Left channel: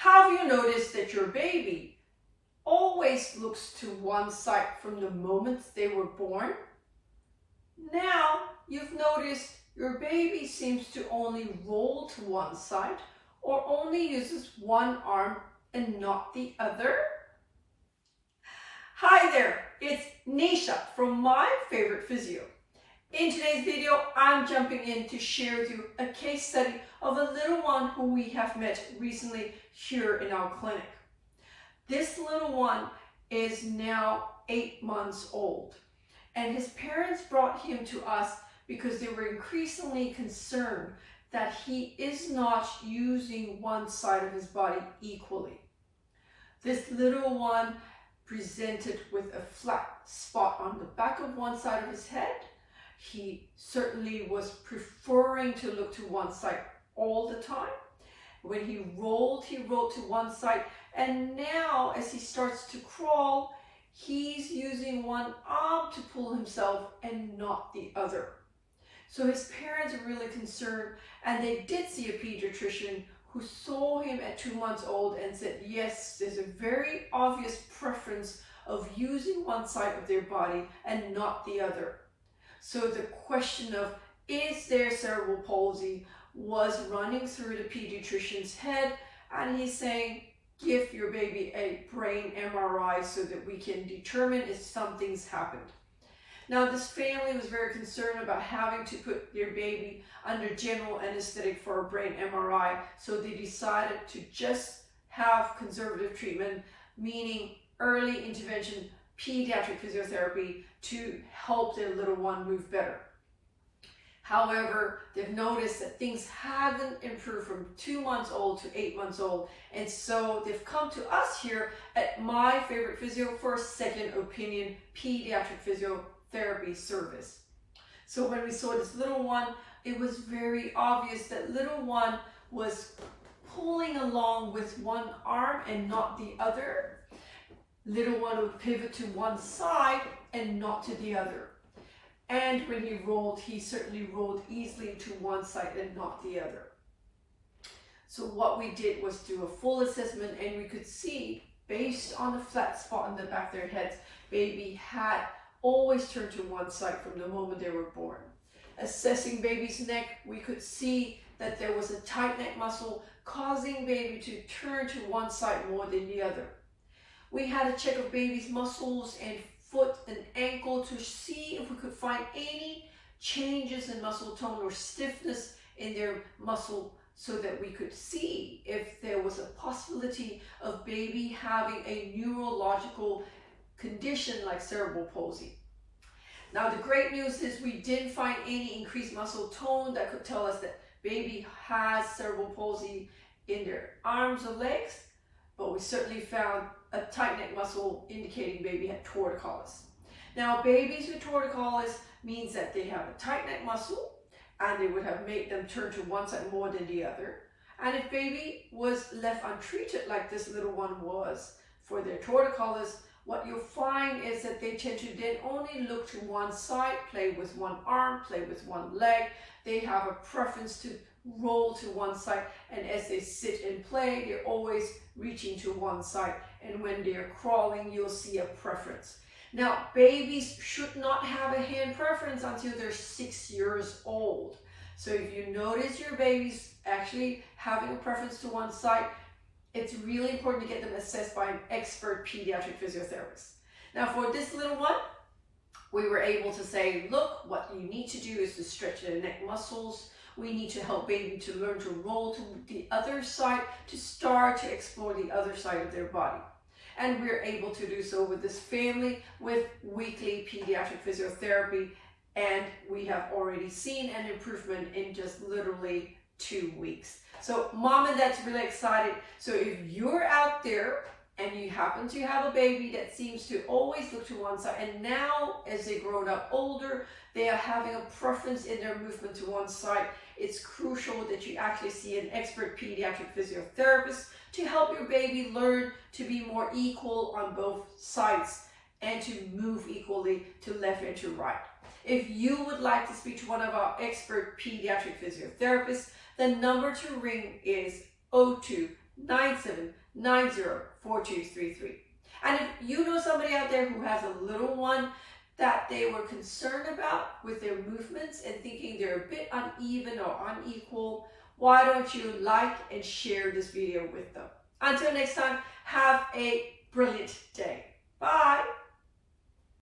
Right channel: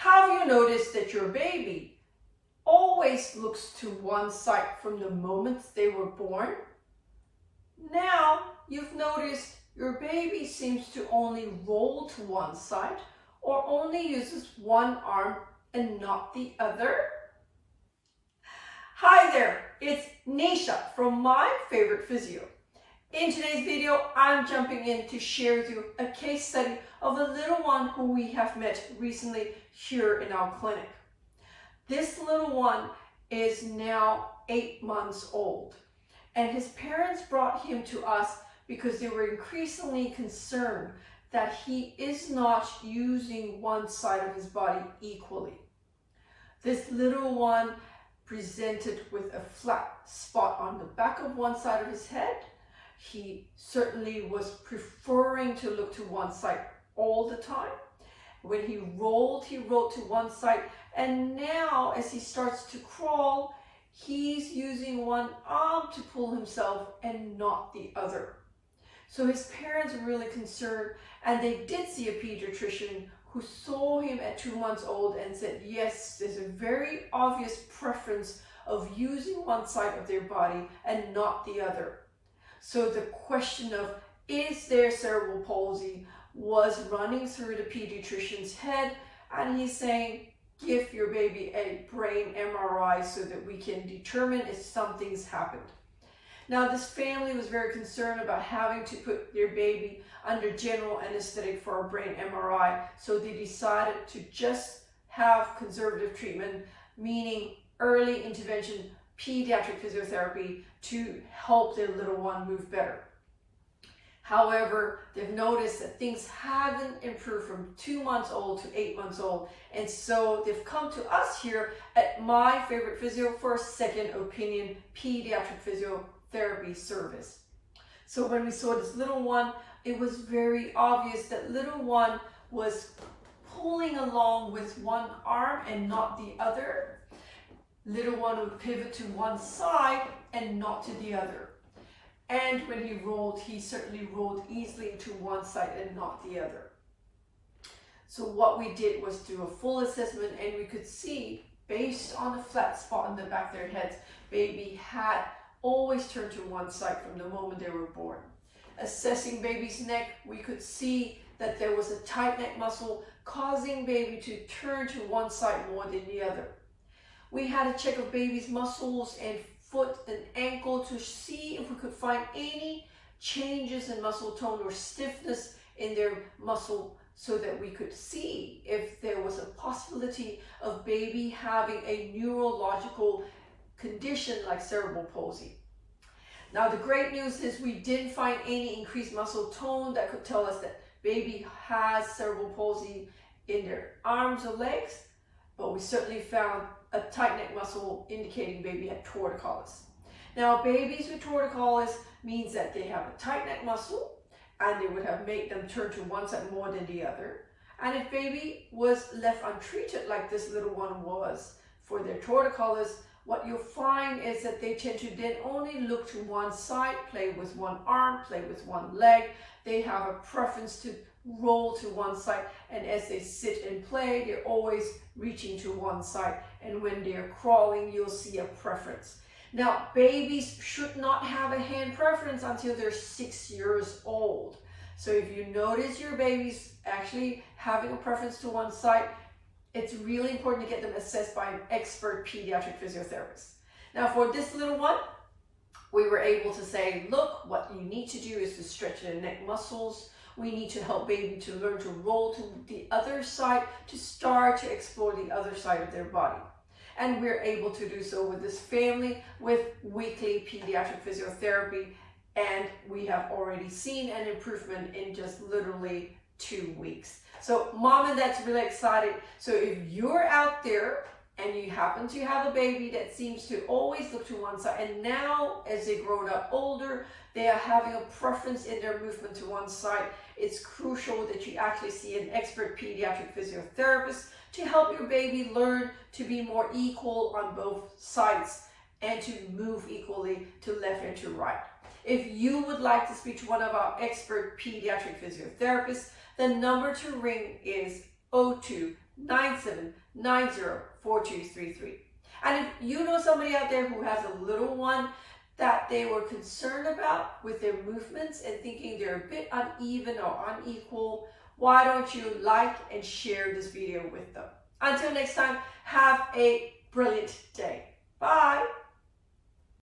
Have you noticed that your baby always looks to one side from the moment they were born? Now you've noticed your baby seems to only roll to one side or only uses one arm and not the other? Hi there, it's Neesha from My Favorite Physio. In today's video, I'm jumping in to share with you a case study of a little one who we have met recently here in our clinic. This little one is now 8 months old, and his parents brought him to us because they were increasingly concerned that he is not using one side of his body equally. This little one presented with a flat spot on the back of one side of his head. He certainly was preferring to look to one side all the time. When he rolled to one side, and now as he starts to crawl, he's using one arm to pull himself and not the other. So his parents were really concerned, and they did see a pediatrician who saw him at 2 months old and said, yes, there's a very obvious preference of using one side of their body and not the other. So the question of, is there cerebral palsy, was running through the pediatrician's head, and he's saying, give your baby a brain MRI so that we can determine if something's happened. Now, this family was very concerned about having to put their baby under general anesthetic for a brain MRI, so they decided to just have conservative treatment, meaning early intervention pediatric physiotherapy to help their little one move better. However, they've noticed that things haven't improved from 2 months old to 8 months old, and so they've come to us here at My Favorite Physio for a second opinion pediatric physiotherapy service. So when we saw this little one, it was very obvious that little one was pulling along with one arm and not the other. Little one would pivot to one side and not to the other. And when he rolled, he certainly rolled easily to one side and not the other. So what we did was do a full assessment, and we could see, based on the flat spot on the back of their heads, baby had always turned to one side from the moment they were born. Assessing baby's neck, we could see that there was a tight neck muscle causing baby to turn to one side more than the other. We had a check of baby's muscles and foot and ankle to see if we could find any changes in muscle tone or stiffness in their muscle, so that we could see if there was a possibility of baby having a neurological condition like cerebral palsy. Now, the great news is we didn't find any increased muscle tone that could tell us that baby has cerebral palsy in their arms or legs, but we certainly found a tight neck muscle indicating baby had torticollis. Now, babies with torticollis means that they have a tight neck muscle, and they would have made them turn to one side more than the other. And if baby was left untreated like this little one was for their torticollis, what you'll find is that they tend to then only look to one side, play with one arm, play with one leg. They have a preference to roll to one side, and as they sit and play, they're always reaching to one side, and when they're crawling, you'll see a preference. Now, babies should not have a hand preference until they're 6 years old. So if you notice your baby's actually having a preference to one side, it's really important to get them assessed by an expert pediatric physiotherapist. Now, for this little one, we were able to say, look, what you need to do is to stretch the neck muscles. We need to help baby to learn to roll to the other side, to start to explore the other side of their body. And we're able to do so with this family with weekly pediatric physiotherapy, and we have already seen an improvement in just literally 2 weeks. So mom and dad's really excited. So if you're out there and you happen to have a baby that seems to always look to one side, and now as they grow up older, they are having a preference in their movement to one side, it's crucial that you actually see an expert pediatric physiotherapist to help your baby learn to be more equal on both sides and to move equally to left and to right. If you would like to speak to one of our expert pediatric physiotherapists, the number to ring is 02 97904233. And if you know somebody out there who has a little one that they were concerned about with their movements and thinking they're a bit uneven or unequal, why don't you like and share this video with them? Until next time, have a brilliant day. Bye.